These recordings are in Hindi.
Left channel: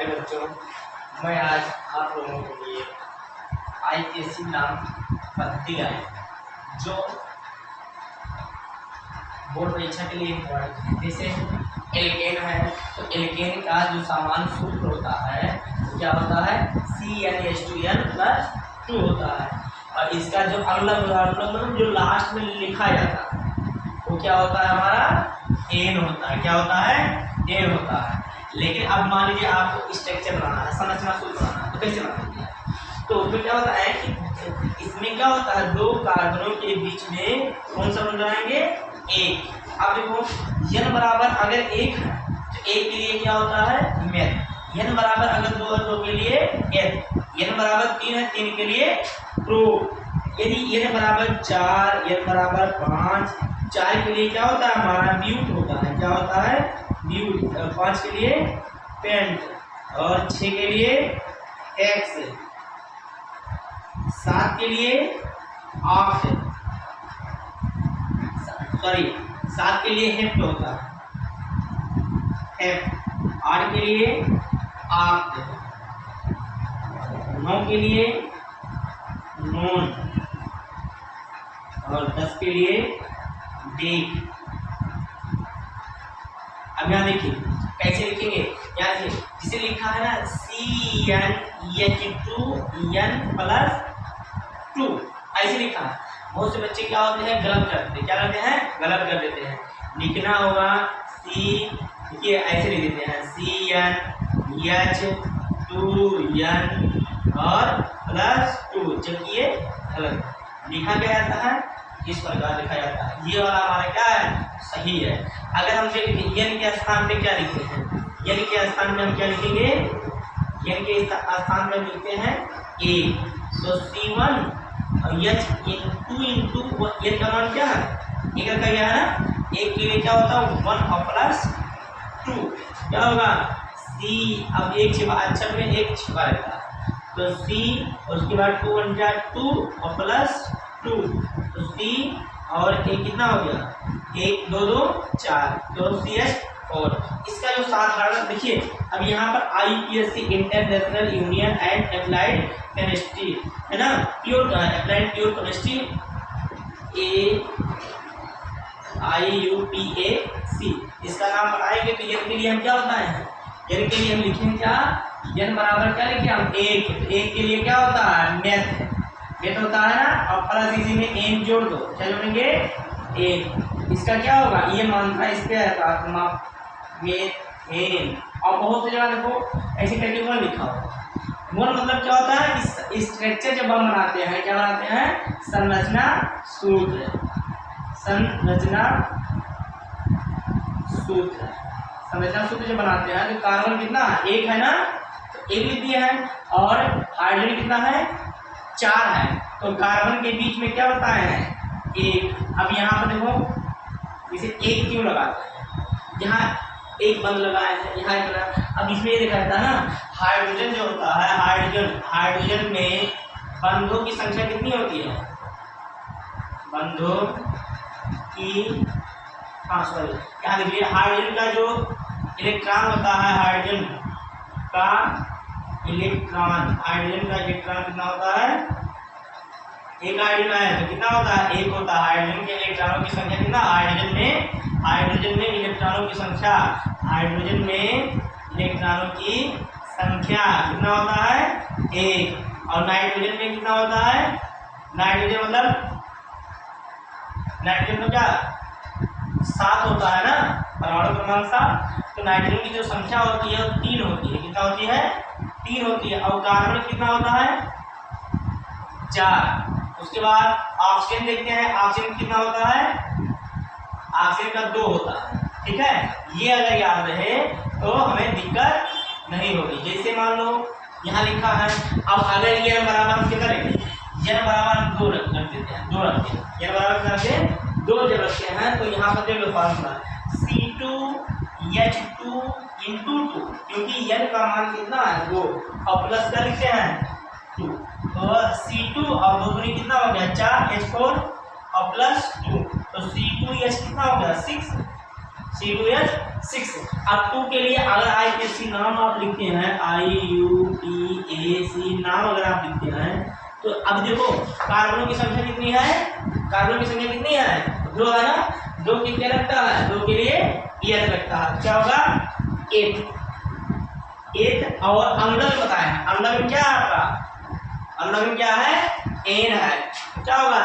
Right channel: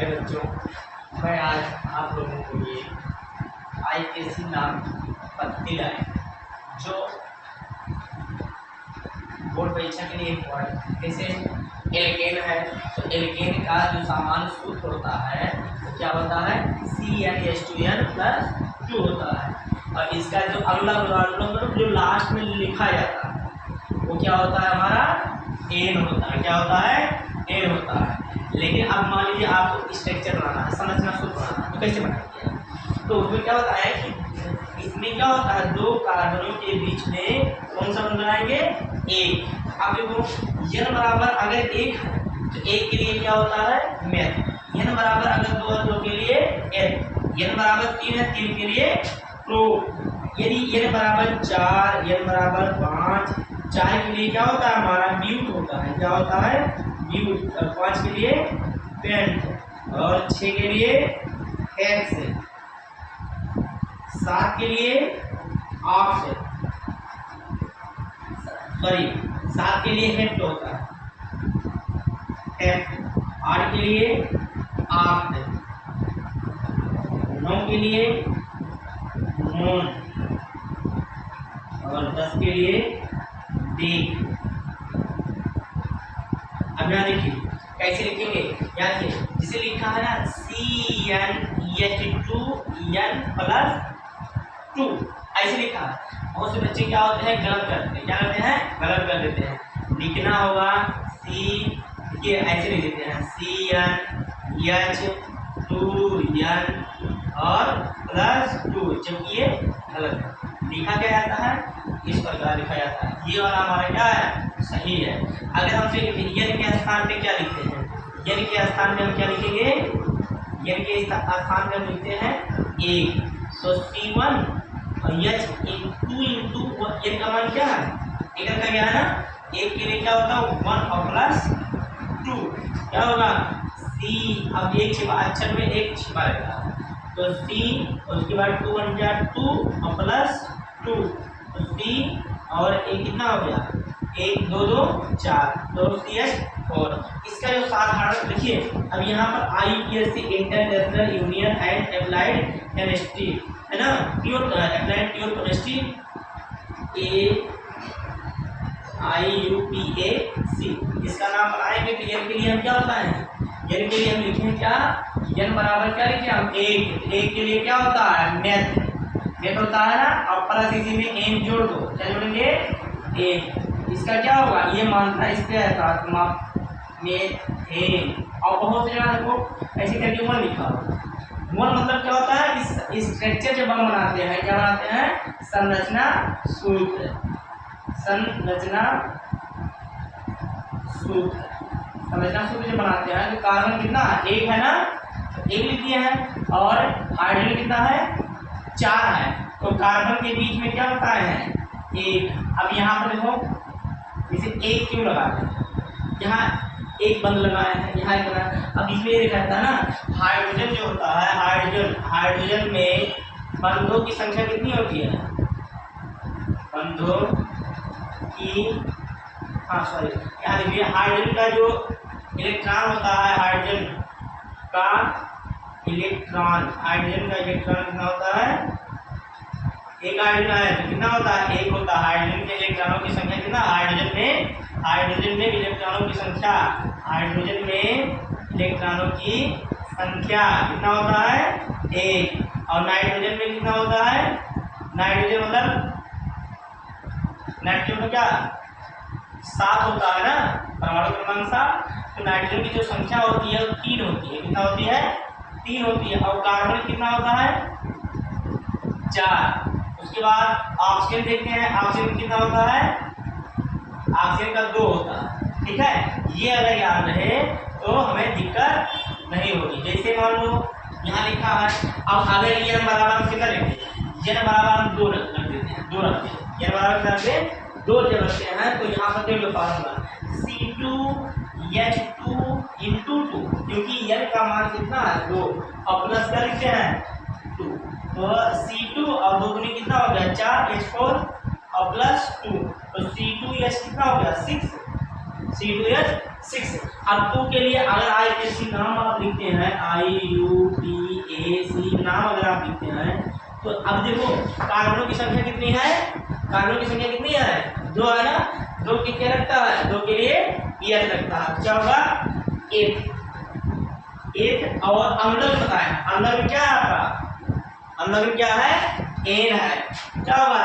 प्यारे बच्चों, मैं आज आप लोगों के लिए IKC नाम पद्धति लाए जो बोर्ड परीक्षा के लिए इम्पोर्टेंट है। जैसे एल्केन है तो एल्केन का जो सामान्य सूत्र होता है वो क्या होता है, CnH2n+2 होता है। और इसका जो मतलब जो लास्ट में लिखा जाता है वो क्या होता है, हमारा एन होता है। क्या होता है, एन होता है। लेकिन अब मान लीजिए आपको स्ट्रक्चर बनाना है, संरचना सूत्र बनाना है, तो कैसे बनाएंगे? तो उसमें क्या होता है कि इसमें क्या होता है, दो कार्बनों के बीच में कौन सा बन बनाएंगे, एक। अब देखो n बराबर अगर एक है तो एक के लिए क्या होता है, मेथ। n बराबर अगर दो है दो के लिए n, n बराबर तीन है तीन के लिए प्रो। यदि n बराबर चार, n बराबर पाँच, चार के लिए क्या होता है, हमारा ब्यूट होता है। क्या होता है, ब्यूट। और पाँच के लिए पेंट, और छः के लिए एक्स, सात के लिए ऑक्ट, सॉरी सात के लिए हेप्ट होता है, हेप्ट। आठ के लिए ऑक्ट, नौ के लिए नोन, और 10 के लिए डेट। अब यहाँ देखिए कैसे लिखेंगे, यहाँ से जिसे लिखा है ना CnH2n+2, ऐसे लिखा है। बहुत से बच्चे क्या होते हैं, गलत कर देते हैं। क्या करते हैं, गलत कर देते हैं। लिखना होगा देखिए ऐसे लिख देते हैं CnH2n और +2, जबकि ये गलत है। लिखा क्या जाता है, इस प्रकार लिखा जाता है। ये वाला हमारा क्या है, सही है। अगर हम फिर n के स्थान पे क्या लिखते हैं, n के स्थान में हम क्या लिखेंगे, n के स्थान में लिखते हैं एक, तो C1 और H इंटू n का मान क्या है, एक रखा गया है ना। एक के लिए क्या होता है 1 और +2, क्या होगा C। अब एक छिपा, अक्षर में एक छिपा रहता है, तो C और उसके बाद 2 1 जा 2 और +2, तो C और एक कितना हो गया, 1 2 2 4, तो CH4। इसका जो साधारण देखिए, अब यहाँ पर IUPAC international union and applied chemistry है ना, pure applied pure chemistry IUPAC, इसका नाम बनाएंगे। तो n के लिए हम क्या होता है, n के लिए हम लिखेंगे क्या, n बराबर क्या लिखे हम, एक। एक के लिए क्या होता है, मेथ, मेथ होता है ना, और प्लस इसी में n जोड़ दो, क्या जोड़ेंगे, एक। इसका क्या होगा, ये मात्रा इस पे है मेथेन। और बहुत से जगह देखो ऐसे करके मोल लिखा होगा। मोल मतलब क्या होता है, इस स्ट्रक्चर जब हम बनाते हैं, क्या बनाते हैं, संरचना सूत्र, संरचना सूत्र। संरचना सूत्र जब बनाते हैं तो कार्बन कितना, एक है ना, तो एक लिख दिए हैं, और हाइड्रोजन कितना है, 4 है, तो कार्बन के बीच में क्या होता है, एक। अब यहाँ पर देखो इसे एक क्यों लगाते हैं, यहाँ एक बंद लगाया है, यहाँ एक लगा। अब इसमें ये दिखाता है ना, हाइड्रोजन जो होता है, हाइड्रोजन में बंधों की संख्या कितनी होती है, बंधों की, हाँ सॉरी, यहाँ देखिए हाइड्रोजन का जो इलेक्ट्रॉन होता है, हाइड्रोजन का इलेक्ट्रॉन कितना होता है, एक हाइड्रोजन है तो कितना होता है, एक होता है। हाइड्रोजन के इलेक्ट्रॉनों की संख्या कितना, हाइड्रोजन में इलेक्ट्रॉनों की संख्या, हाइड्रोजन में इलेक्ट्रॉनों की संख्या कितना होता है, एक। और नाइट्रोजन में कितना होता है, नाइट्रोजन में क्या 7 होता है ना, परमाणु क्रमांक 7। तो नाइट्रोजन की जो संख्या होती है वो 3 होती है, कितना होती है, 3 होती है। और कार्बन कितना होता है, 4। उसके बाद ऑक्सीजन देखते हैं, ऑक्सीजन कितना होता है, ऑक्सीजन का 2 होता है, ठीक है। ये अगर याद रहे तो हमें दिक्कत नहीं होगी। जैसे मान लो यहाँ लिखा है, अब अगर n बराबर कितना रखेंगे, n बराबर 2 रख देते हैं, 2 रखते हैं, n बराबर कितना रखते हैं, 2 जब रखते हैं, तो यहाँ पर देख लो फार्मूला C2H2 इंटू 2, क्योंकि n का मान कितना है 2, और प्लस क्या लिखते हैं 2, तो C2 और 2 दूनी कितना हो गया 4, H4 और +2, तो C2H कितना हो गया 6, C2H6। अब 2 के लिए अगर IUPAC नाम आप लिखते हैं, IUPAC नाम अगर आप लिखते हैं, तो अब देखो कार्बनों की संख्या कितनी है, कार्बन की संख्या कितनी है, 2 है ना, 2 की क्या लगता है, 2 के लिए EH लगता है, क्या होगा 8। और अंदर में बताया, अंदर में क्या है आपका, अंदर में क्या है, N है, क्या होगा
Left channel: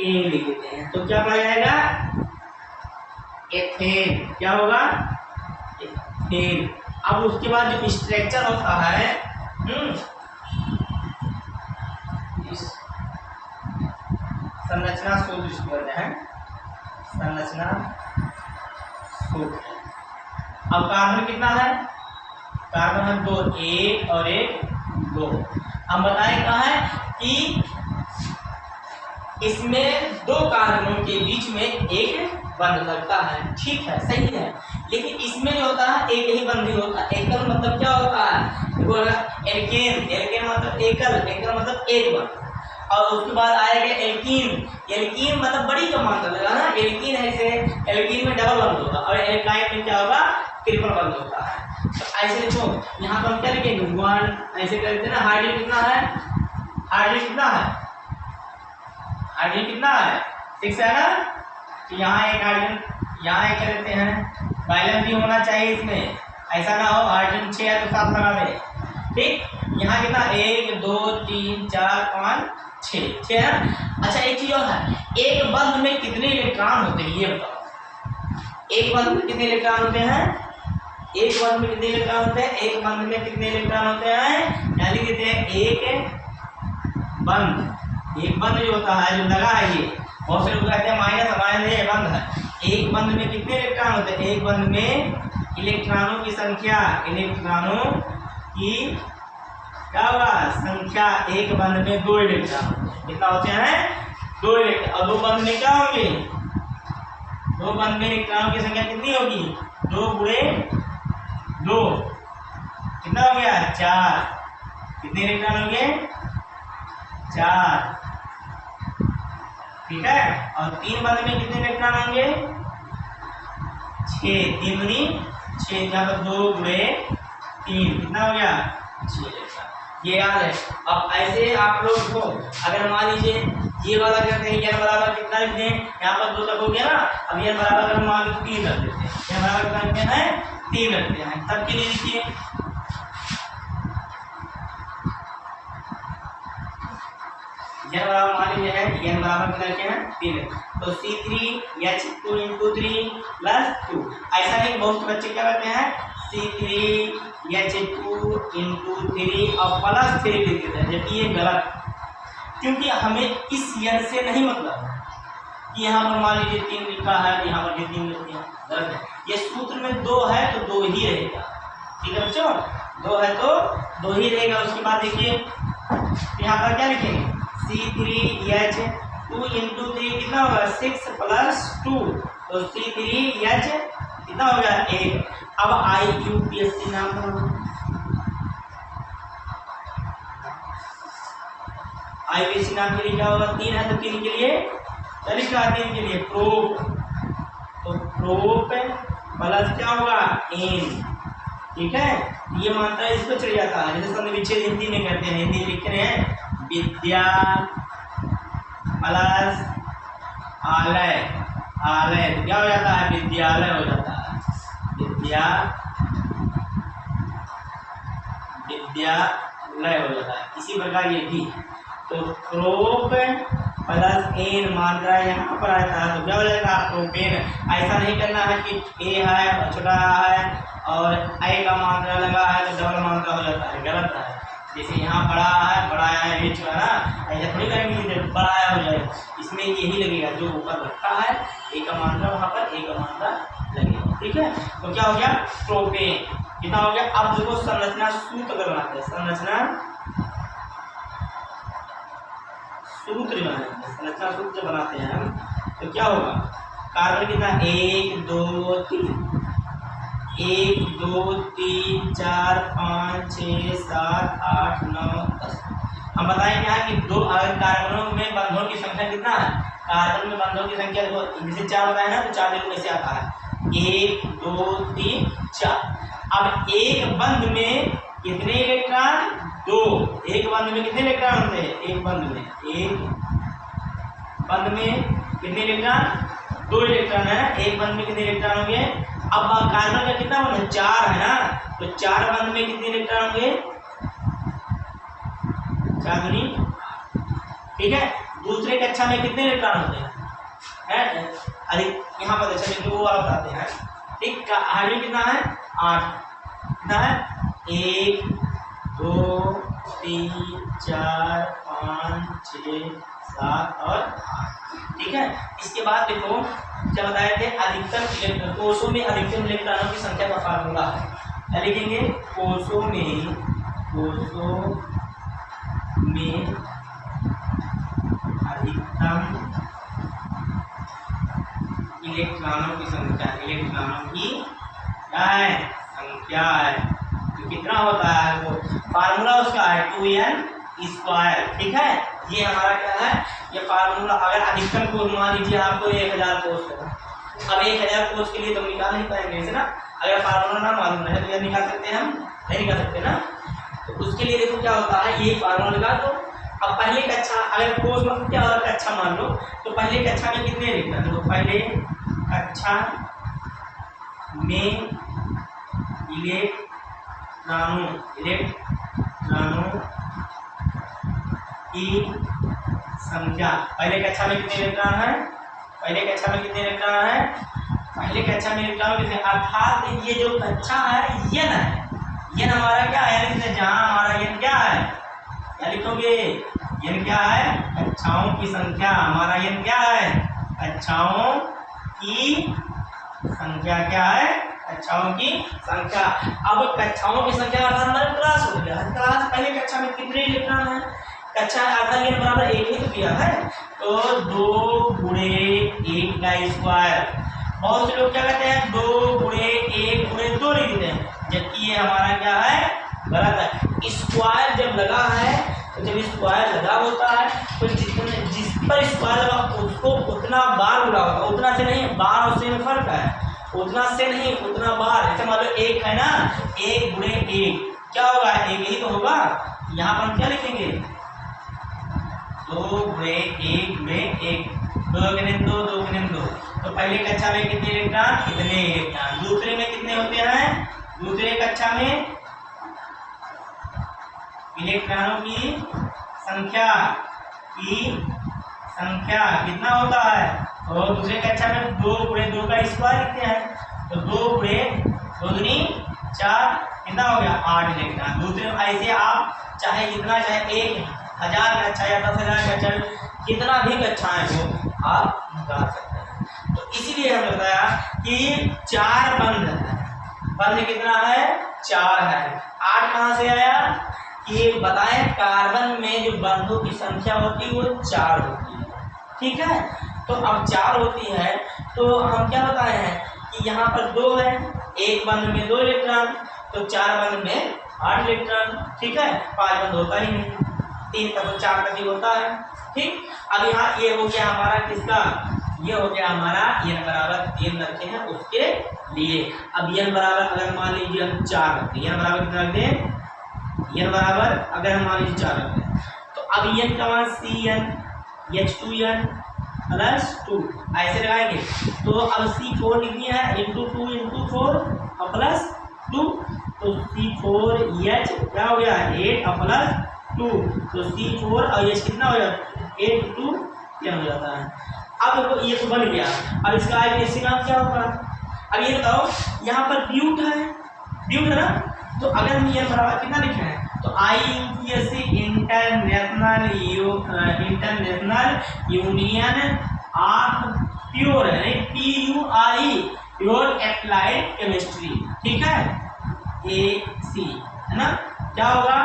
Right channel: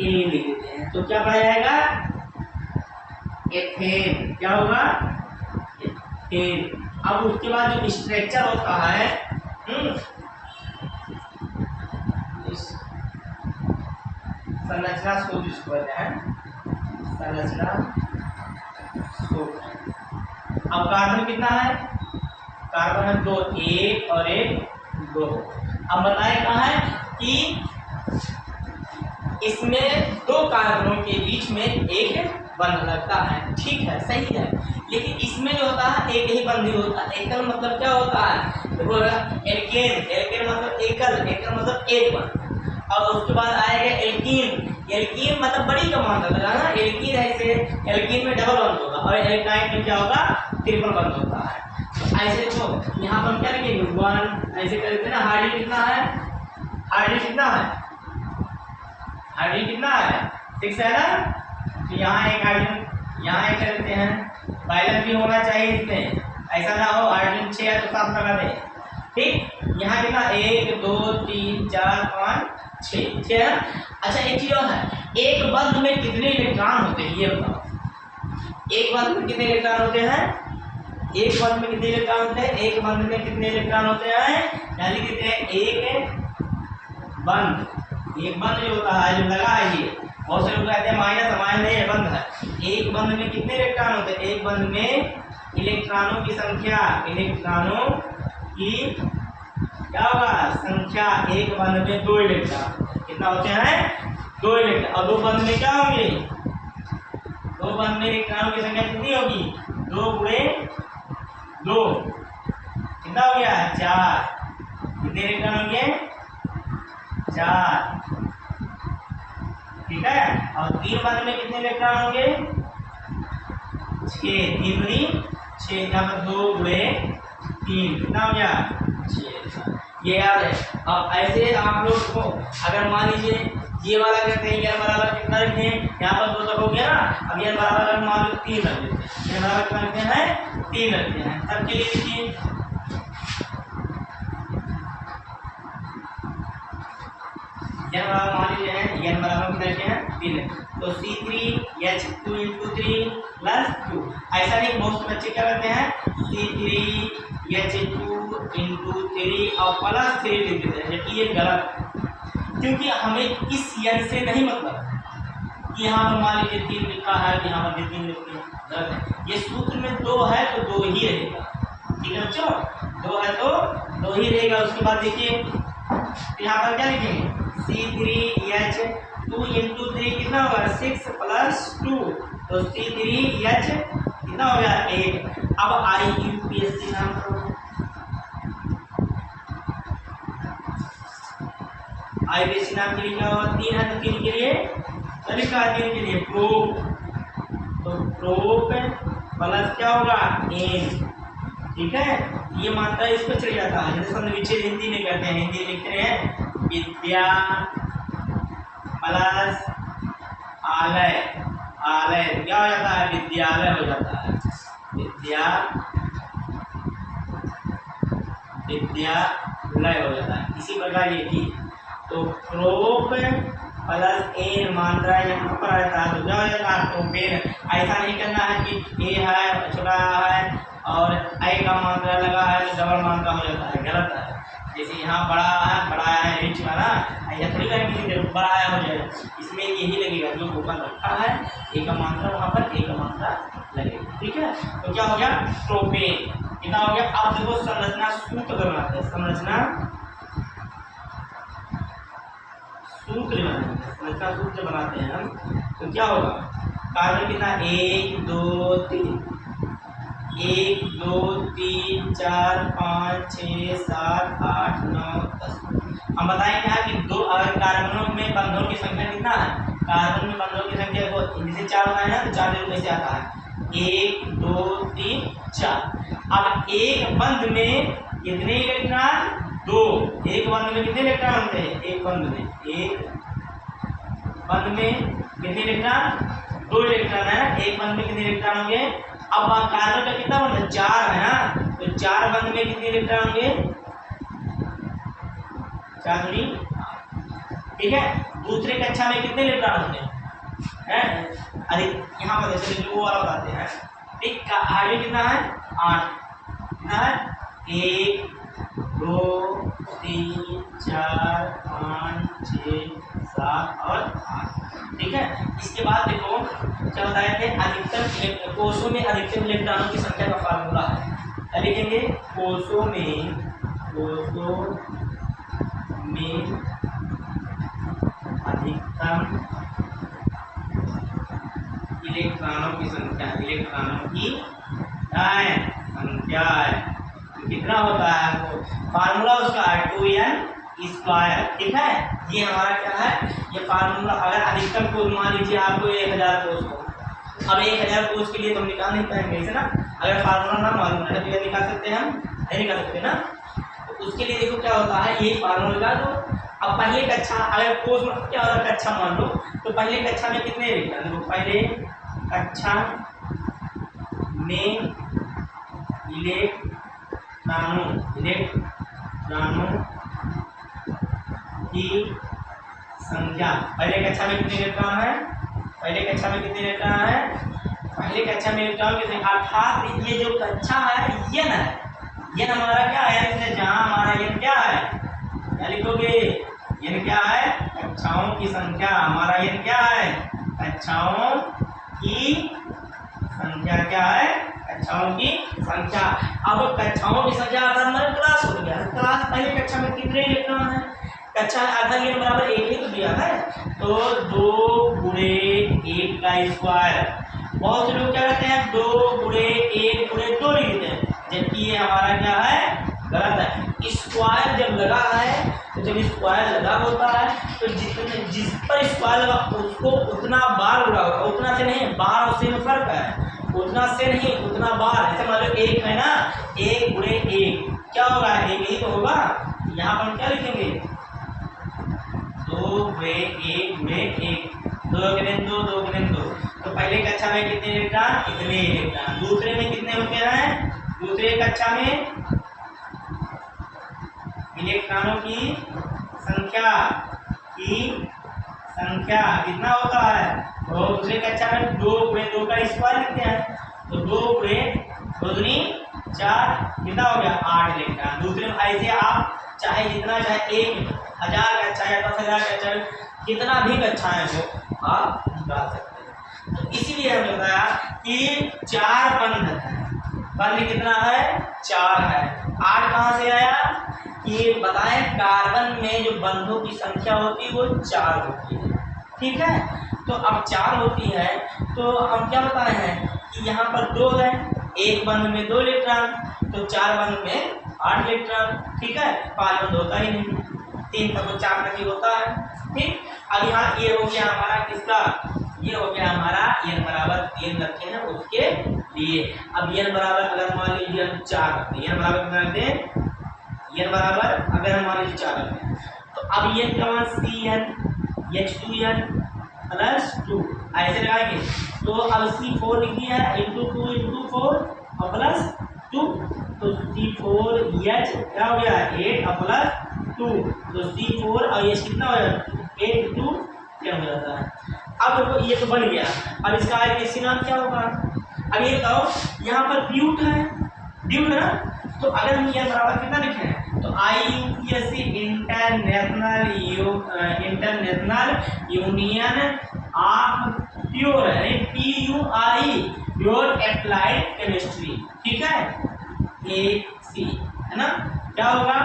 N लिख देते हैं, तो क्या पढ़ा जाएगा एथेन, क्या होगा एथेन। अब उसके बाद जो स्ट्रक्चर होता है, संरचना सूत्र जिसको कहते हैं, संरचना सूत्र। अब कार्बन कितना है, कार्बन है 2, 1 और 1 2। अब बताएं कहाँ है कि इसमें 2 कार्बनों के बीच में एक बंध लगता है, ठीक है, सही है, लेकिन इसमें जो होता है एक ही बंध ही होता है। एकल मतलब क्या होता है, देखो एल्केन, एल्केन मतलब एकल, एकल मतलब एक बंध। और उसके बाद आएगा एल्कीन, एल्कीन मतलब बड़ी का मात्रा लगा ना, एल्कीन है, इसे एल्कीन में डबल बंध होगा, और एल्काइन में क्या होगा ट्रिपल बंध होता है। तो ऐसे देखो यहाँ पर हम क्या लिखेंगे 1, ऐसे कर देते हैं ना। हाइड्रोजन कितना है, हाइड्रोजन कितना है, हाइड्रोजन कितना है 6 है ना, तो यहाँ एक हाइड्रोजन, यहाँ एक कर देते हैं, बैलेंस भी होना चाहिए इसमें, ऐसा ना हो हाइड्रोजन 6 है तो 7 लगा दे, ठीक। यहाँ कितना 1 2 3 4 5 6 6 है ना। अच्छा एक चीज और है, एक बंध में कितने इलेक्ट्रॉन होते हैं ये बताओ, एक बंध में कितने इलेक्ट्रॉन होते हैं, एक बंध में कितने इलेक्ट्रॉन होते हैं, एक बंध में कितने इलेक्ट्रॉन होते हैं, यानी कहते हैं एक बंध, एक बंध जो होता है जो लगा है, ये बहुत से लोग कहते हैं माइनस, माइनस ये बंध है। एक बंध में कितने इलेक्ट्रॉन होते हैं, एक बंध में इलेक्ट्रॉनों की संख्या, इलेक्ट्रॉनों की क्या होगा संख्या, एक बंध में 2 इलेक्ट्रॉन, कितना होते हैं 2 इलेक्ट्रॉन। और 2 बंध में क्या होंगे, 2 बंध में इलेक्ट्रॉनों की संख्या कितनी होगी, 2 गुणे 2 कितना हो गया 4, कितने इलेक्ट्रॉन होंगे 4, ठीक है। और 3 बंध में कितने इलेक्ट्रॉन होंगे 6, 3 दूनी 6, यहाँ पर 2 गुणे 3 कितना हो गया 6 इलेक्ट्रॉन, ये याद है। अब ऐसे आप लोग को अगर मान लीजिए ये वाला करते हैं, n बराबर कितना लिखते हैं, यहाँ पर 2 तक हो गया ना, अब n बराबर अगर मान लो 3 रख देते हैं, n बराबर कितना रखते हैं 3 रखते हैं, तब के लिए लिखिए n बराबर मान लीजिए है, n बराबर कितना लिखे हैं 3, तो C3H2 × 3 + 2। ऐसा नहीं बहुत से बच्चे क्या करते हैं C3H2 × 3 और +3 लिख देते हैं, जबकि ये गलत, क्योंकि हमें इस n से नहीं मतलब कि यहाँ पर मान लीजिए 3 लिखा है, यहाँ पर भी 3 लिख दिया, गलत है। ये सूत्र में 2 है तो 2 ही रहेगा, ठीक है बच्चों, 2 है तो 2 ही रहेगा। उसके बाद देखिए यहाँ पर क्या लिखेंगे C3H2 × 3 कितना होगा 6 + 2, तो C3H कितना हो गया 8। अब IUPAC नाम करो, IUPAC नाम के लिए क्या होगा 3 है, तो 3 के लिए क्या लिखा है 3 के लिए प्रोप, तो प्रोप प्लस क्या होगा N, ठीक है। ये मात्रा इस पर चढ़ जाता है, जैसे संधि हिंदी में कहते हैं, हिंदी लिखते हैं विद्या प्लस आलय, आलय तो क्या हो जाता है विद्यालय हो जाता है, विद्यालय हो जाता है। इसी प्रकार ये भी, तो प्रोप प्लस N मात्रा यहाँ पर आता है, तो क्या हो जाता है प्रोपेन। ऐसा नहीं करना है कि A है छोटा है और I का मात्रा लगा है तो डबल मात्रा हो जाता है, गलत है। जैसे यहाँ बड़ा है रिच का ना, ऐसा थोड़ी करेंगे बड़ा हो जाए, इसमें यही लगेगा जो ऊपर रखा है A का मात्रा वहाँ पर A का मात्रा लगेगा, ठीक है। तो क्या हो गया प्रोपेन, कितना हो गया। अब देखो संरचना सूत्र बनाते हैं, संरचना सूत्र बनाते हैं, संरचना सूत्र बनाते हैं हम, तो क्या होगा कार्बन कितना 1 2 3 1 2 3 4 5 6 7 8 9 10। हम बताएंगे यहाँ कि 2 अगर कार्बनों में बंधों की संख्या कितना है, कार्बन में बंधों की संख्या देखो जैसे 4 बताए ना, तो 4 में से आता है 1 2 3 4। अब एक बंध में कितने इलेक्ट्रॉन? 2। एक बंध में कितने इलेक्ट्रॉन होते हैं? एक बंध में कितने इलेक्ट्रॉन? 2 इलेक्ट्रॉन है। एक बंध में कितने इलेक्ट्रॉन होंगे? अब कार्बन का कितना बंध है? 4 है ना, तो 4 बंध में कितने इलेक्ट्रॉन होंगे? 4 दूनी, ठीक है। दूसरे कक्षा में कितने इलेक्ट्रॉन होते हैं? अधिक, यहाँ पर चलिए वो वाला बताते हैं। ठीक, हाइड्रोजन कितना है? 8। कितना है? 1 2 3 4 5 6 7 और 8। ठीक है। इसके बाद देखो क्या बताए थे? अधिकतम कोषों में अधिकतम इलेक्ट्रॉनों की संख्या का फार्मूला है। क्या लिखेंगे? कोषों में अधिकतम इलेक्ट्रॉनों की संख्या है तो कितना होता है? वो फार्मूला उसका है 2n²। ठीक है, ये हमारा क्या है? ये फार्मूला। अगर अधिकतम कोष मान लीजिए आपको 1000 कोष हो, अब 1000 कोष के लिए तुम निकाल नहीं पाएंगे इसे ना। अगर फार्मूला ना मालूम रहे तो ये निकाल सकते हैं? हम नहीं निकाल सकते ना। तो उसके लिए देखो क्या होता है, ये फार्मूला निकाल दो। अब पहले कक्षा, अगर कोष मतलब क्या होता है? कक्षा मान लो, तो पहले कक्षा में कितने इलेक्ट्रॉन? देखो पहले कक्षा में इलेक्ट्रॉनों की संख्या, पहले कक्षा में कितने इलेक्ट्रॉन है? पहले कक्षा में कितने इलेक्ट्रॉन है? पहले कक्षा में इलेक्ट्रॉन कितने? अर्थात ये जो कक्षा है यन है। यन हमारा क्या है? यानी जहां हमारा यन क्या है? क्या लिखोगे? यन क्या है? कक्षाओं की संख्या। हमारा यन क्या है? कक्षाओं की संख्या। क्या है? कक्षाओं की संख्या। अब कक्षाओं की संख्या अर्थात हमारे क्लास हो गया। क्लास पहले कक्षा में कितने इलेक्ट्रॉन है? कक्षा अर्थात ये बराबर 1 ही तो दिया है, तो 2 गुणे 1 का स्क्वायर। बहुत से लोग क्या कहते हैं? 2 गुणे 1 गुणे 2 लिख देते हैं, जबकि ये हमारा क्या है? गलत है। स्क्वायर जब लगा है, तो जब स्क्वायर लगा होता है तो जिस पर स्क्वायर लगा उसको उतना बार लगा होगा। उतना से नहीं, बार और से में फर्क है। उतना से नहीं, उतना बार। जैसे मान लो 1 है ना, 1 गुणे 1 क्या होगा? 1 ही तो होगा। यहाँ पर हम क्या लिखेंगे? 2 गुणे 1 गुणे 1, 2 गुणे 2 2 गुणे 2। तो पहले कक्षा में कितने इलेक्ट्रॉन? इतने इलेक्ट्रॉन। दूसरे में कितने होते हैं? दूसरे कक्षा में इलेक्ट्रॉनों की संख्या कितना होता है? तो दूसरे कक्षा में 2 गुणे 2 का स्क्वायर लिखते हैं, तो 2 गुणे 2 दूनी 4, कितना हो गया? 8 इलेक्ट्रॉन। दूसरे में ऐसे आप चाहे जितना, चाहे 1000 का अच्छा या 10,000 का अच्छा, कितना भी कक्षाएं हो आप निकाल सकते हैं। तो इसीलिए हमने बताया कि 4 बंध है। बंध कितना है? 4 है। 8 कहाँ से आया? ये बताएं, कार्बन में जो बंधों की संख्या होती है वो 4 होती है। ठीक है, तो अब 4 होती है, तो हम क्या बताए हैं कि यहाँ पर 2 है, एक बंध में 2 इलेक्ट्रॉन, तो 4 बंध में 8 इलेक्ट्रॉन। ठीक है, 5 बंध होता ही नहीं, 3 तक तो 4 तक ही होता है। ठीक, अब यहाँ ये हो गया हमारा किसका? ये हो गया हमारा n बराबर 3 रखे हैं उसके लिए। अब n बराबर अगर मान लीजिए हम 4 रखते हैं, n बराबर कितना रखते हैं? n बराबर अगर हम मान लीजिए 4 रखते हैं, तो अब n का मान Cn H2n प्लस 2 ऐसे लगाएंगे। तो अब C4 लिख दिया है, इंटू 2 इंटू 4 और प्लस 2, तो C4H क्या हो गया? 8 और प्लस 2, तो C4 और H कितना हो गया? 8 2 10 हो जाता है। अब देखो ये तो बन गया। अब इसका आगे नाम क्या होगा? अब ये बताओ, यहाँ पर ब्यूट है ना, तो अगर हम ये बराबर कितना लिखे हैं, तो IUPAC international union of pure है, PURE प्योर एप्लाइड केमिस्ट्री। ठीक है, AC है ना, क्या होगा?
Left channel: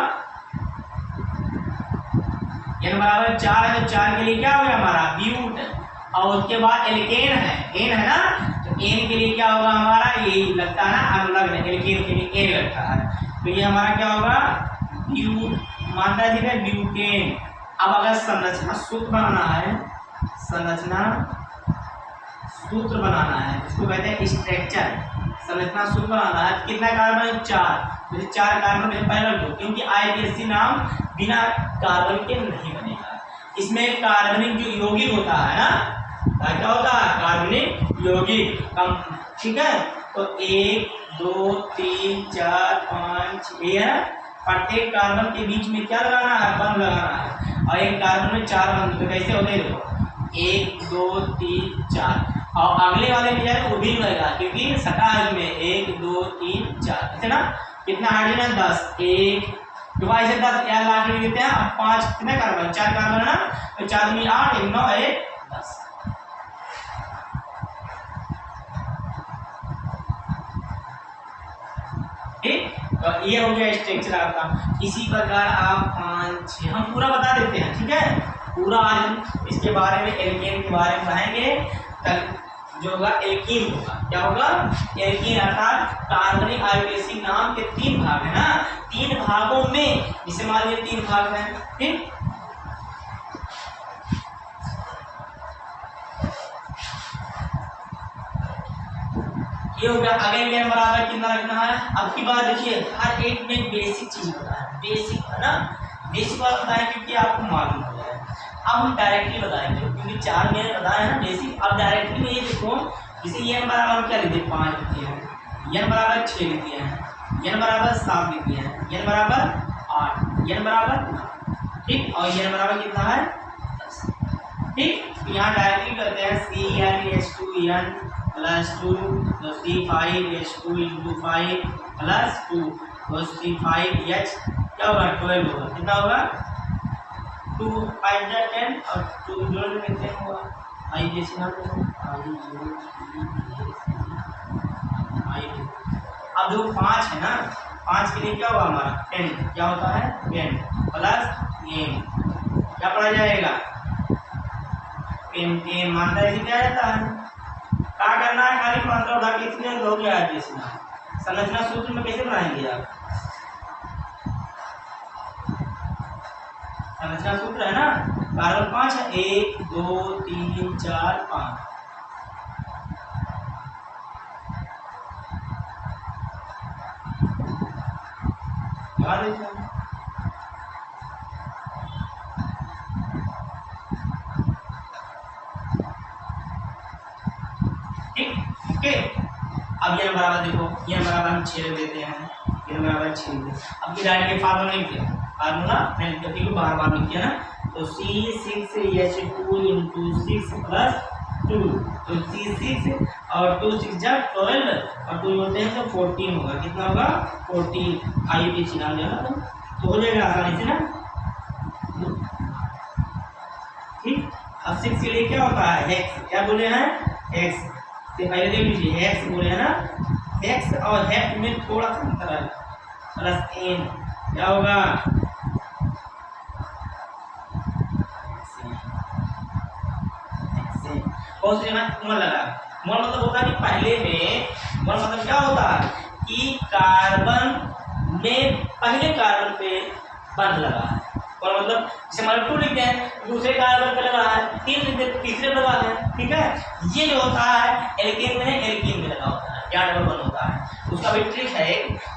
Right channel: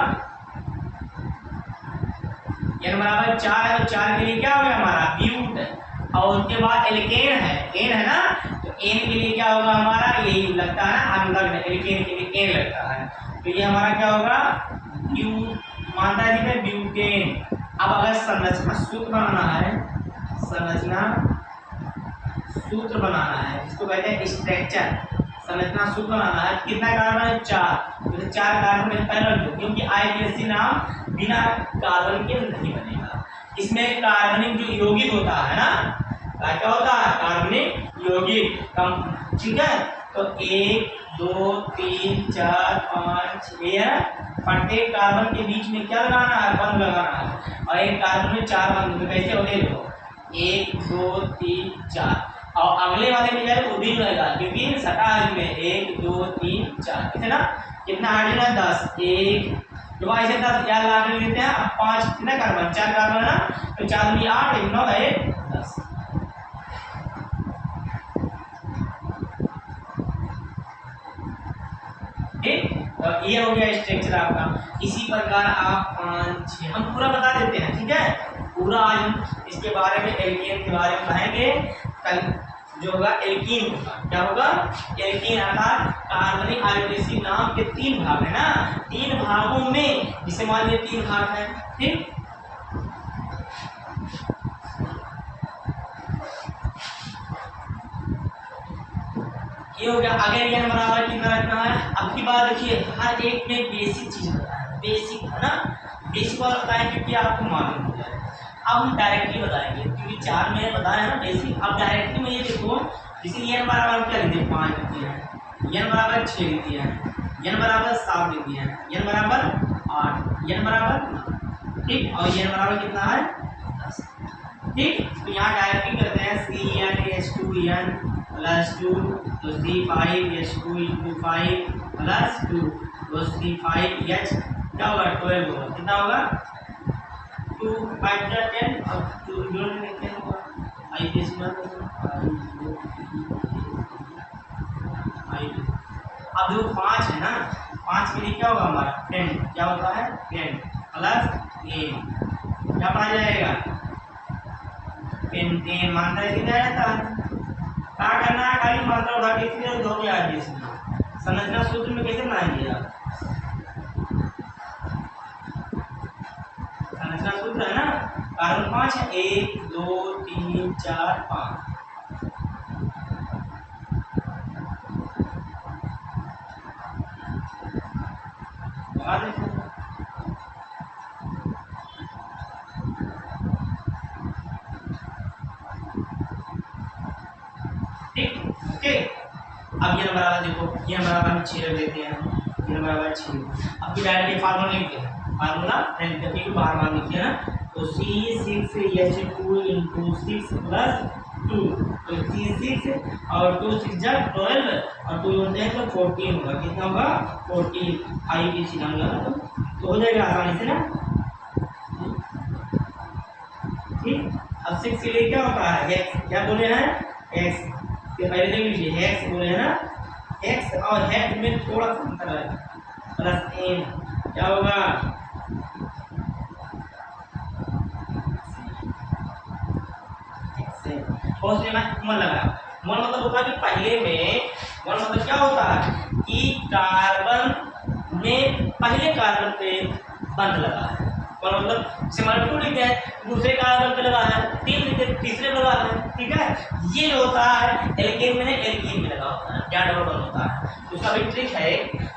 n बराबर 4 है, तो 4 के लिए क्या हो गया हमारा? ब्यूट। और उसके बाद एल्केन है, एन है ना, तो एन के लिए क्या होगा हमारा? यही लगता है ना, अब लग एल्केन के लिए एन लगता है, तो ये हमारा क्या होगा? ब्यूट। मानता है ठीक है, ब्यूटेन। अब अगर संरचना सूत्र बनाना है, संरचना सूत्र बनाना है, इसको कहते हैं स्ट्रक्चर, संरचना सूत्र बनाना है। कितना कार्बन है? 4। जैसे 4 कार्बन है पैरेलल ग्रुप, क्योंकि आईपीएससी नाम बिना कार्बन के नहीं बनेगा। इसमें कार्बनिक जो यौगिक होता है ना, क्या होता है? कार्बनिक यौगिक कम, ठीक है। तो 1 2 3 4 5 6 है। प्रत्येक कार्बन के बीच में क्या लगाना है? बंध लगाना है। और एक कार्बन में 4 बंध, तो कैसे होते हैं देखो, 1 2 3 4। और अगले वाले में जाए तो वो भी रहेगा, क्योंकि सटा है में 1 2 3 4, इतना कितना हाइड्रोजन है? 10। 1 2 ऐसे 10 यार लाख में देते हैं। अब 5 कितना कार्बन? 4 कार्बन है ना, तो 4 में 8 1 9 1 10। ठीक, तो ये हो गया स्ट्रक्चर आपका। इसी प्रकार आप 5 6 हम पूरा बता देते हैं, ठीक है। पूरा आज हम इसके बारे में, एल्केन के बारे में पढ़ेंगे। कल जो होगा एल्कीन होगा। क्या होगा? एल्कीन अर्थात कार्बनिक आयोडीन नाम के 3 भाग है ना, 3 भागों में, जिसे मान लीजिए 3 भाग है, ठीक। ये हो गया। आगे ये बराबर कितना रखना है? अब की बात देखिए, हर एक में बेसिक चीज बताया है, बेसिक है ना, बेसिक वाला बताएं क्योंकि आपको मालूम हो जाए। अब हम डायरेक्टली बताएंगे, क्योंकि 4 में बताया है ना बेसिक। अब डायरेक्टली में ये देखो, जैसे ये बराबर क्या लिख दिए? 5 लिख दिए हैं, एन बराबर 6 लिख दिए हैं, एन बराबर 7 लिख दिए हैं, एन बराबर 8, एन बराबर 9, ठीक। और एन बराबर कितना है? 10, ठीक। तो यहाँ डायरेक्टली करते हैं CnH2n प्लस 2 तो C5H2 इंटू 5 प्लस 2 तो C5H क्या होगा? 12 होगा। कितना होगा? 2 5 10 और 2 जोड़ में 10 होगा। आई के सिग्नल अब जो 5 है ना, 5 के लिए क्या होगा हमारा? 10 क्या होता है? 10 प्लस n क्या पढ़ा जाएगा? 10 10 मात्रा इसे क्या रहता है? क्या करना है? खाली मात्रा उठा के इसलिए हो गया है। संरचना सूत्र में कैसे बनाएंगे आप? संरचना सूत्र है ना, कार्बन 5 है, 1 2 3 4 5। याद रखना, ठीक, ओके। अब ये बराबर देखो, ये बराबर हम 6 देते हैं, ये बराबर 6। अब की डायरेक्ट फार्मूला लिखते हैं, फार्मूला नहीं बार बार लिखिए ना। तो C6H2 इंटू 6 प्लस 2 तो C6 और 2 6 जा 12 और 2 जोड़ते हैं तो 14 होगा। कितना होगा? 14। आई के चिन्ह होगा तो हो जाएगा आसानी से ना, ठीक। अब 6 के लिए क्या होता है? x, क्या बोले हैं? x से पहले देख लीजिए, x बोले हैं ना, x और x में थोड़ा सा अंतर है, प्लस n क्या होगा? बहुत से मन लगा, मन मतलब होता है कि पहले में, मन मतलब क्या होता है कि कार्बन में पहले कार्बन पे बंध लगा है, और मतलब जैसे हमारे 2 लिखते हैं, दूसरे कार्बन पे लगा है, 3 लिखते हैं, तीसरे पे लगा है, ठीक है। ये जो होता है एल्केन में, एल्कीन में लगा होता है, क्या डबल बंध होता है। उसका भी ट्रिक है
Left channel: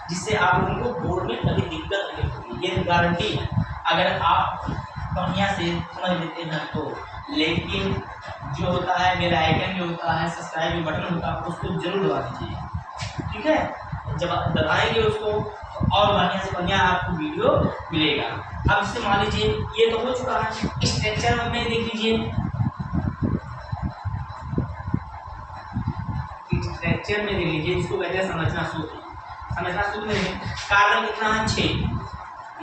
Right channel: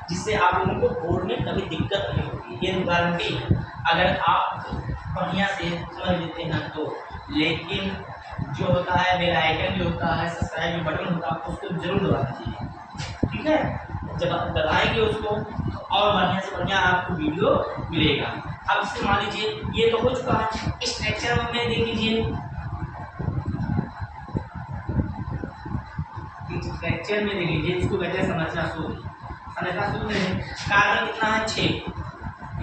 जिससे आप लोगों को बोर्ड में कभी दिक्कत नहीं होगी, ये गारंटी है अगर आप बढ़िया से समझ लेते हैं तो। लेकिन जो होता है बेल आइकन जो होता है, सब्सक्राइब बटन होता है, उसको जरूर दबा दीजिए, ठीक है। जब दबाएंगे उसको तो और बढ़िया से बढ़िया आपको वीडियो मिलेगा। अब इससे मान लीजिए ये तो हो चुका है, स्ट्रक्चर में देख लीजिए, स्ट्रक्चर में देख लीजिए, इसको कहते हैं संरचना सूत्र। संरचना सूत्र में कार्बन कितना है? 6,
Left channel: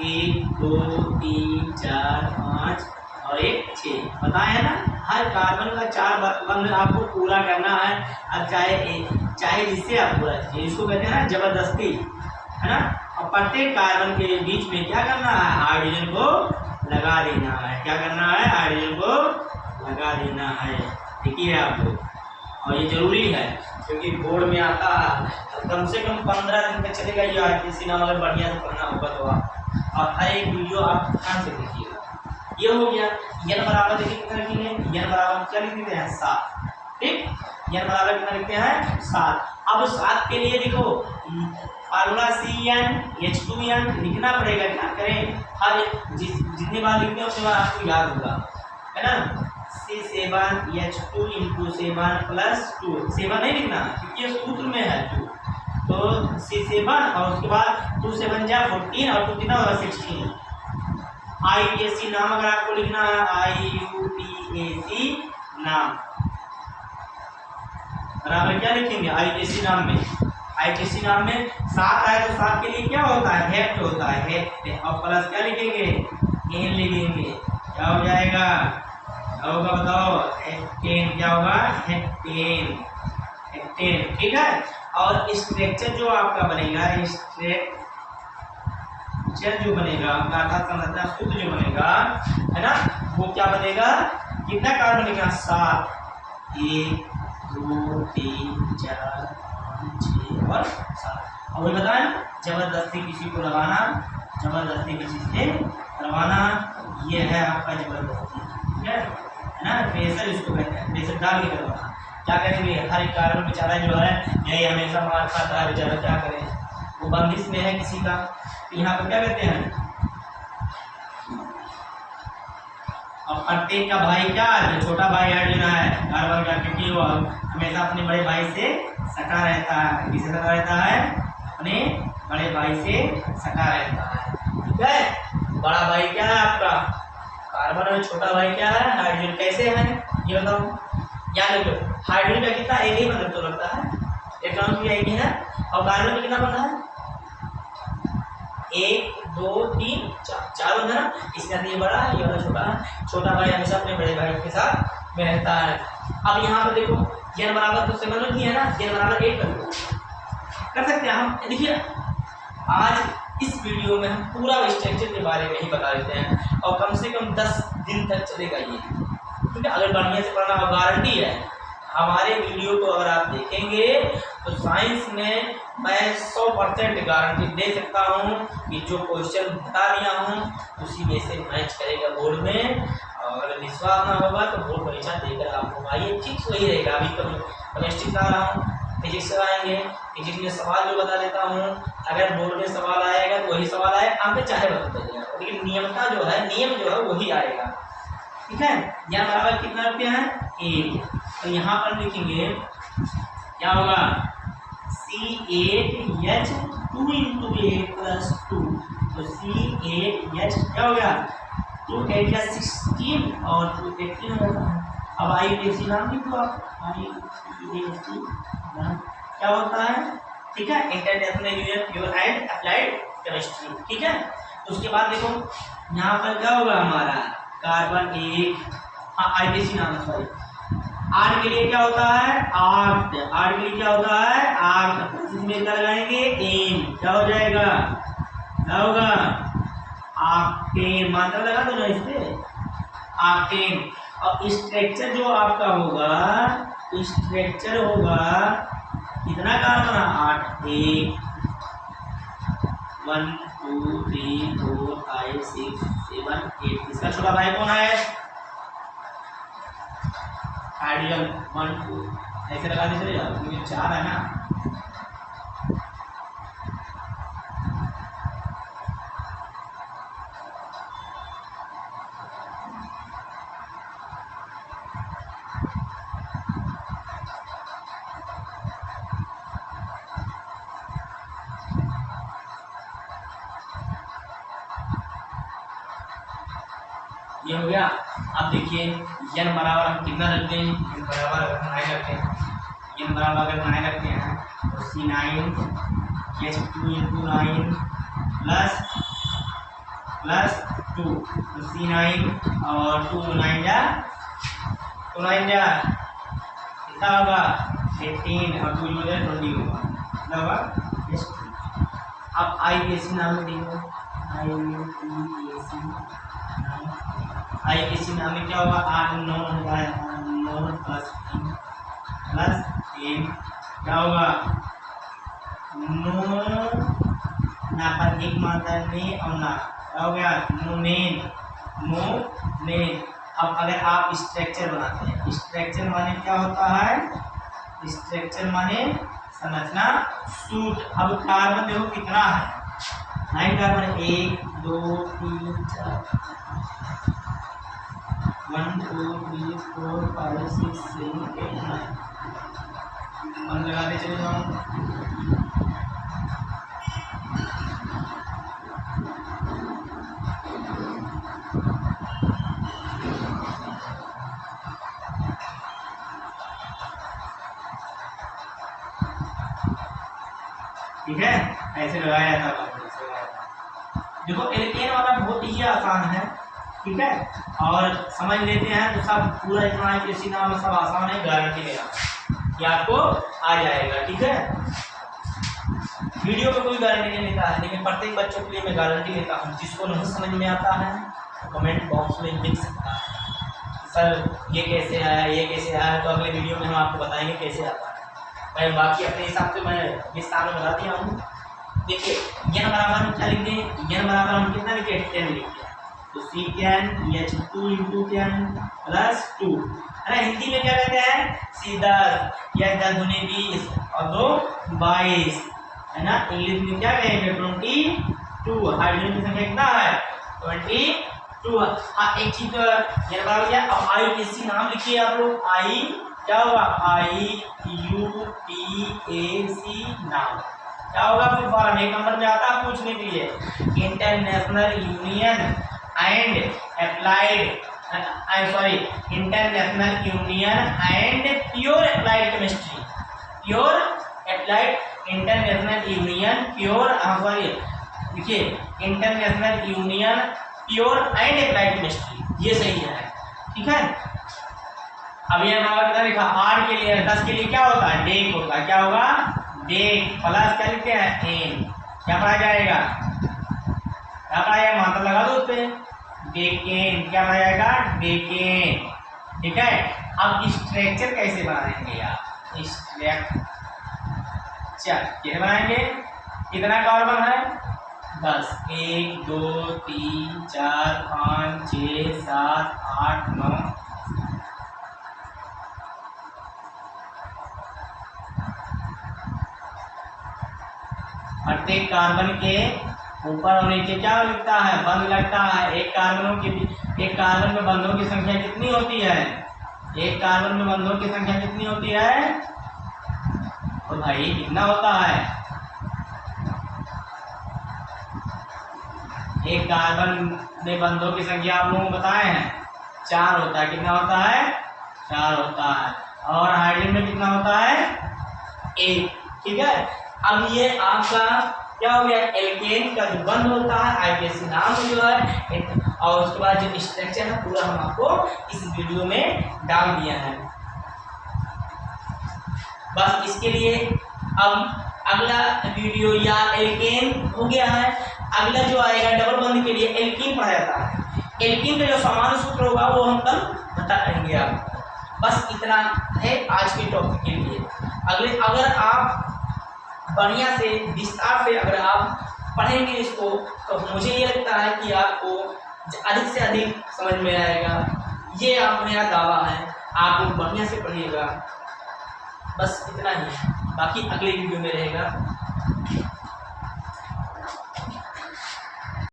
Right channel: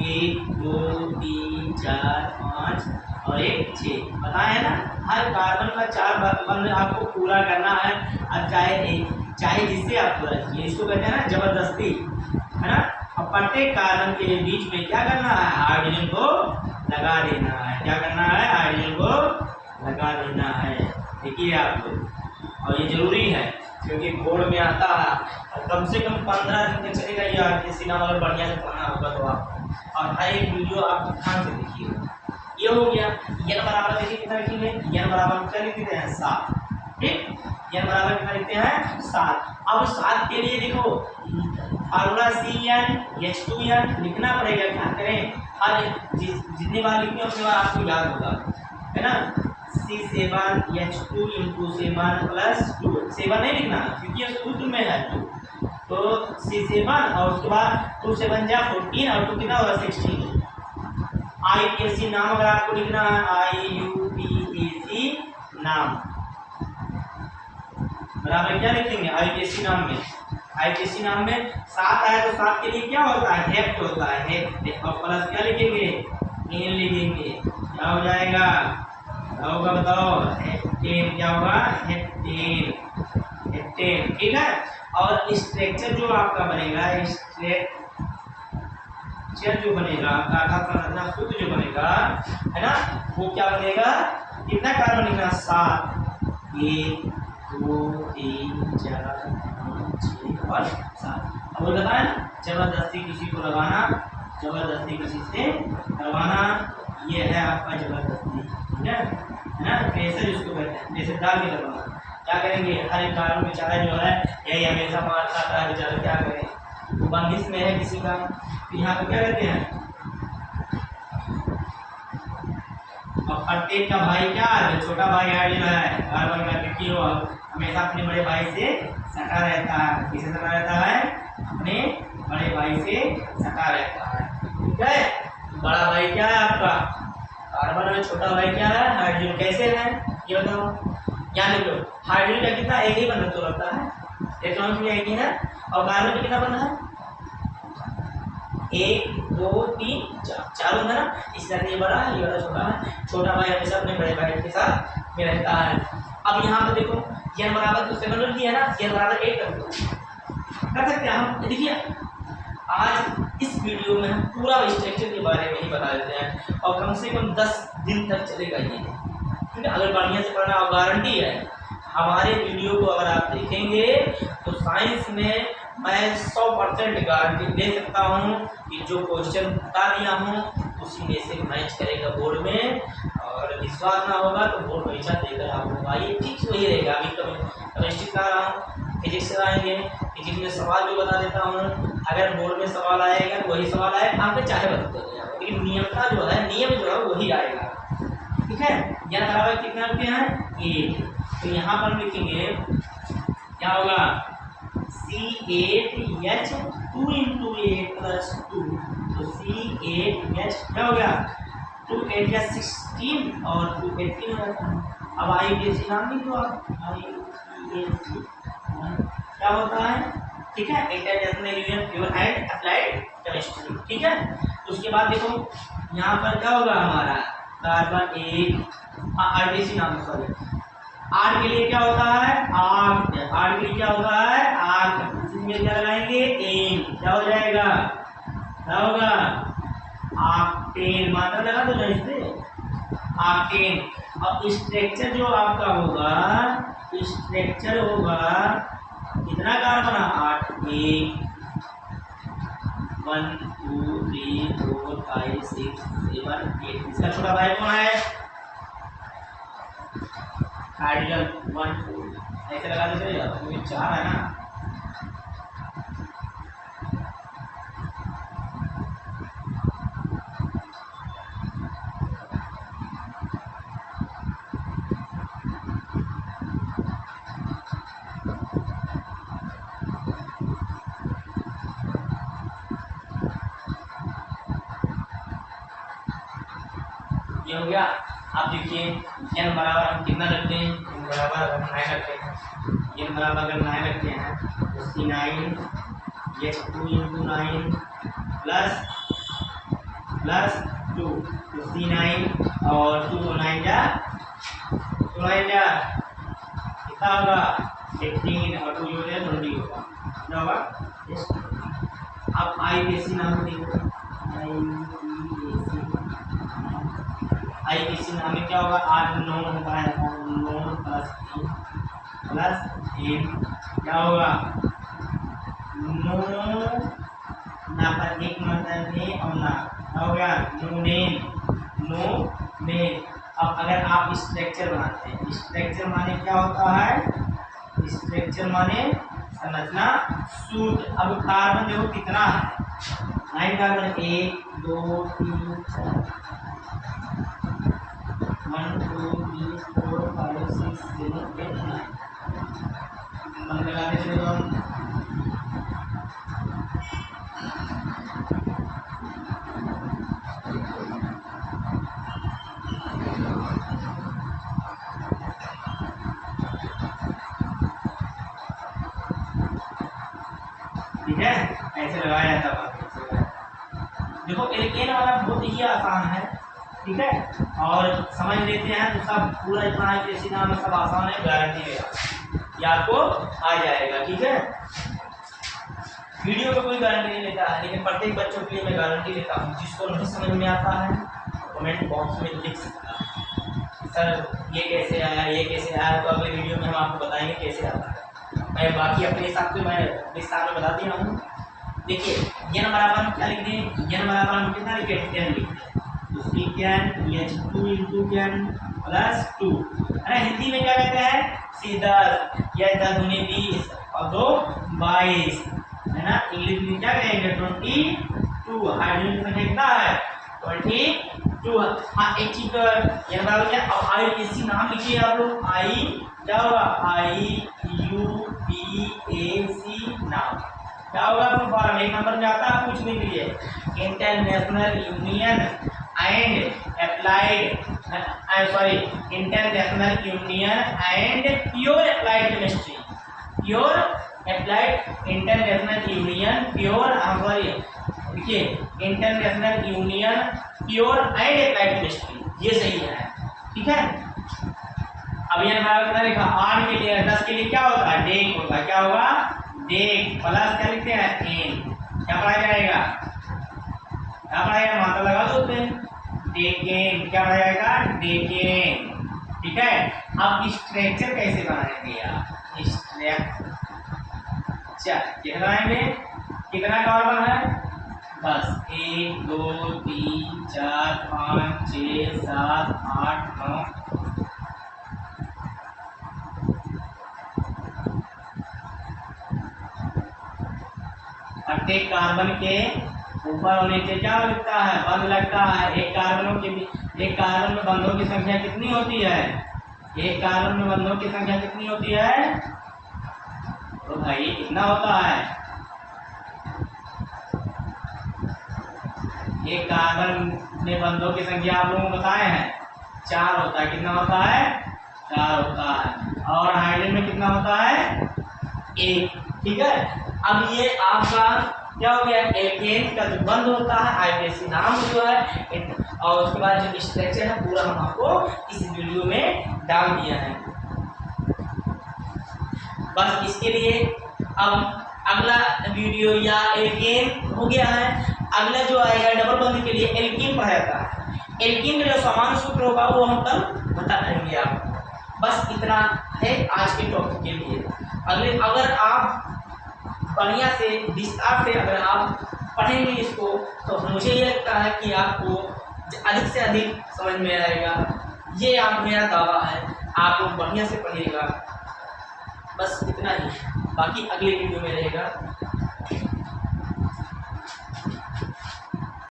1 2 3 4 5 और 1 6 बताया है ना। हर कार्बन का 4 बंध आपको पूरा करना है, अब चाहे जिससे आप पूरा कीजिए, इसको कहते हैं ना जबरदस्ती, है ना। और प्रत्येक कार्बन के बीच में क्या करना है? हाइड्रोजन को लगा देना है। क्या करना है? हाइड्रोजन को लगा देना है, देखिए आप लोग। और ये जरूरी है क्योंकि बोर्ड में आता है, कम से कम 15 दिन तक चलेगा ये आरटीसी नाम, अगर बढ़िया से पढ़ना होगा तो आप, और हर एक वीडियो आप ध्यान से देखिएगा। ये हो गया। एन बराबर देखिए कितना लिखेंगे? एन बराबर क्या लिख देते हैं? 7, ठीक, n बराबर कितना लिखते हैं 7। अब 7 के लिए देखो फार्मूला CnH2n लिखना पड़ेगा। क्या करें, हर जितने बार लिखते हैं उतने बार आपको याद होगा, है ना। C7H2 × 7 + 2, 7 नहीं लिखना क्योंकि ये सूत्र में है 2, तो C7 और उसके बाद 2 7 जा 14 और 2 कितना होगा 16। IUPAC नाम अगर आपको लिखना है, IUPAC नाम बराबर क्या लिखेंगे IUPAC नाम में, IUPAC नाम में 7 आए तो 7 के लिए क्या होता है हेक्ट होता है, हेक्ट, और प्लस क्या लिखेंगे एन लिखेंगे, क्या हो जाएगा, क्या होगा बताओ, हेक्टेन, क्या होगा हेक्टेन, हेक्टेन, ठीक है। और स्ट्रक्चर जो आपका बनेगा, स्ट्रक्चर जो बनेगा आपका आधार संरचना सूत्र जो बनेगा, है ना, वो क्या बनेगा, कितना कार्बन लिखना 7, 1 2 3 4 5 6 और 7। अब वो बताएं, जबरदस्ती किसी को लगाना, जबरदस्ती किसी से करवाना, ये है आपका जबरदस्ती, ठीक है ना, प्रेशर इसको कहते हैं, प्रेशर डाल के करवाना। क्या करेंगे, हर एक कार्बन बेचारा जो है यही हमेशा मार खाता है बेचारा, क्या करें, वो बंदिश में है किसी का, तो यहाँ पर क्या कहते हैं, अब प्रत्येक का भाई क्या है, छोटा भाई ऐड लेना है कार्बन का, क्योंकि वो हमेशा अपने बड़े भाई से सटा रहता है, किसे सटा रहता है, अपने बड़े भाई से सटा रहता है, ठीक है। बड़ा भाई क्या है आपका कार्बन और छोटा भाई क्या है हाइड्रोजन। कैसे है ये बताओ, याद रखो, हाइड्रोजन का कितना एक ही बंधन तो लगता है, इलेक्ट्रॉन भी एक ही है, और कार्बन का कितना बंधन है 1 2 3 4, चारों है ना, इसलिए ये बड़ा है, ये वाला छोटा है। छोटा भाई हमेशा अपने बड़े भाई के साथ में रहता है। अब यहाँ पर देखो n बराबर तो 7 रख दिया है ना, n बराबर 8 कर सकते हैं हम। देखिए आज इस वीडियो में हम पूरा स्ट्रक्चर के बारे में ही बता देते हैं, और कम से कम 10 दिन तक चलेगा ये, ठीक है। अगर बढ़िया से पढ़ना, और गारंटी है हमारे वीडियो को अगर आप देखेंगे तो साइंस में मैं 100% गारंटी दे सकता हूँ कि जो क्वेश्चन बता दिया हूँ उसी में से मैच करेगा बोर्ड में, और अगर विश्वास ना होगा तो बोर्ड परीक्षा देकर आप होगा, ये फिक्स वही रहेगा। अभी केमिस्ट्री का रहा हूँ, फिजिक्स आएंगे, फिजिक्स में सवाल जो बता देता हूँ, अगर बोर्ड में सवाल आएगा तो वही सवाल आएगा, आप चाहे बता दें, लेकिन नियमता जो है, नियम जो है वही आएगा, ठीक है। यहाँ बराबर कितना रखते हैं 8, तो यहाँ पर हम लिखेंगे क्या होगा C8H2 × 8 + 2, तो C8H क्या हो गया 2 8 या 16 और 2 18 हो जाता है। अब IUPAC नाम लिख दो आप, IUPAC नाम क्या होता है, ठीक है, international union pure and applied chemistry, ठीक है। उसके बाद देखो यहाँ पर क्या होगा हमारा कार्बन 1, IUPAC नाम है, सॉरी, 8 के लिए क्या होता है 8, 8 के लिए क्या होता है 8, इसमें क्या लगाएंगे एन, क्या हो जाएगा, क्या होगा ऑक्टेन, मात्रा लगा दो ना इस पे ऑक्टेन। और स्ट्रक्चर जो आपका होगा, स्ट्रक्चर होगा कितना कार्बन 8, 1 1 2 3 4 5 6 7 8, इसका छोटा भाई कौन है हाइड्रोजन 1 2, ऐसे लगा दे चले जाओ क्योंकि 4 है ना। ये हो गया। अब देखिए n बराबर हम कितना रखते हैं, n बराबर अगर 9 रखते हैं, n बराबर अगर 9 रखते हैं तो C9H2 × 9 प्लस 2, तो C9 और 2 तो 9 जा कितना होगा 18 और 2 जो है 20 होगा, कितना होगा। अब IUPAC नाम देखो, IUPAC नाम में क्या होगा 8 9 होता है, 9 प्लस 3 क्या होगा 9 ना पर एक मात्रा ने और ना, क्या हो गया नोनेन। अब अगर आप स्ट्रक्चर बनाते हैं, स्ट्रक्चर माने क्या होता है, स्ट्रक्चर माने संरचना, सूत्र। अब कार्बन देखो कितना है, 9 कार्बन, 1 2 3 4 1 2 3 4 5 6 7 8 9 मन लगाते चले हम। ठीक है, ऐसे लगाया जाता है। देखो एल्केन वाला बहुत ही आसान है, ठीक है, और समझ लेते हैं तो सब पूरा इतना है कि सीधा में सब आसान है, गारंटी ले ये आपको आ जाएगा। ठीक है, वीडियो में कोई गारंटी नहीं लेता है, लेकिन प्रत्येक बच्चों के लिए मैं गारंटी लेता हूँ। जिसको नहीं समझ में आता है कमेंट बॉक्स में लिख सकता है सर ये कैसे आया, ये कैसे आया, तो अगले वीडियो में हम आपको बताएंगे कैसे आता है। मैं बाकी अपने हिसाब से मैं विस्तार में बता दिया हूँ। देखिए n बराबर हम क्या लिख दें, n बराबर हम कितना लिखे, 10 लिख दें, तो Cn H2 × 10 + 2 है ना। हिंदी में क्या कहते हैं, C10 या 10 दूनी 20 और 2 22 है ना। इंग्लिश में क्या कहेंगे, 22। हाइड्रोजन की संख्या कितना है, 22। हाँ एक चीज तो n बराबर क्या, अब IUPAC नाम लिखिए आप लोग, आई क्या होगा, IUPAC नाम क्या होगा, फुल फॉर्म 1 नंबर में आता है पूछने के लिए, international union and applied international union and pure applied chemistry, pure applied international union pure देखिए international union pure and applied chemistry, ये सही है। ठीक है, अब ये कितना लिखा, 8 के लिए 10 के लिए क्या होता है, डेक होता है, क्या होगा, डेक प्लस क्या लिखते हैं, एन, क्या पढ़ा जाएगा, क्या पढ़ा जाएगा, मात्रा लगा दो उसपे, डेकेन, क्या पढ़ा जाएगा, डेकेन। ठीक है, अब स्ट्रक्चर कैसे बनाएंगे आप, स्ट्रक्चर कैसे बनाएंगे, कितना कार्बन है, 10, 1 2 3 4 5 6 7 8 9 प्रत्येक कार्बन के ऊपर और नीचे क्या लगता है, बंध लगता है। एक कार्बन में बंधों की संख्या कितनी होती है, एक कार्बन में बंधों की संख्या कितनी होती है, तो भाई कितना होता है, एक कार्बन में बंधों की संख्या आप लोगों को बताए हैं 4 होता है, कितना होता है, 4 होता है, और हाइड्रोजन में कितना होता है, 1। ठीक है, अब ये आपका क्या हो गया, एल्केन का जो बंध होता है IUPAC नाम जो है, और उसके बाद जो स्ट्रक्चर है पूरा हम आपको इस वीडियो में डाल दिया है। बस इसके लिए अब अगला वीडियो, या एल्केन हो गया है, अगला जो आएगा डबल बंध के लिए एल्कीन पढ़ा जाता है। एल्कीन का जो सामान्य सूत्र होगा वो हम कल बता देंगे आपको। बस इतना है आज के टॉपिक के लिए। अगर आप बढ़िया से विस्तार से अगर आप पढ़ेंगे इसको, तो मुझे ये लगता है कि आपको अधिक से अधिक समझ में आएगा। ये आप मेरा दावा है, आप बढ़िया से पढ़िएगा। बस इतना ही, बाकी अगले वीडियो में रहेगा।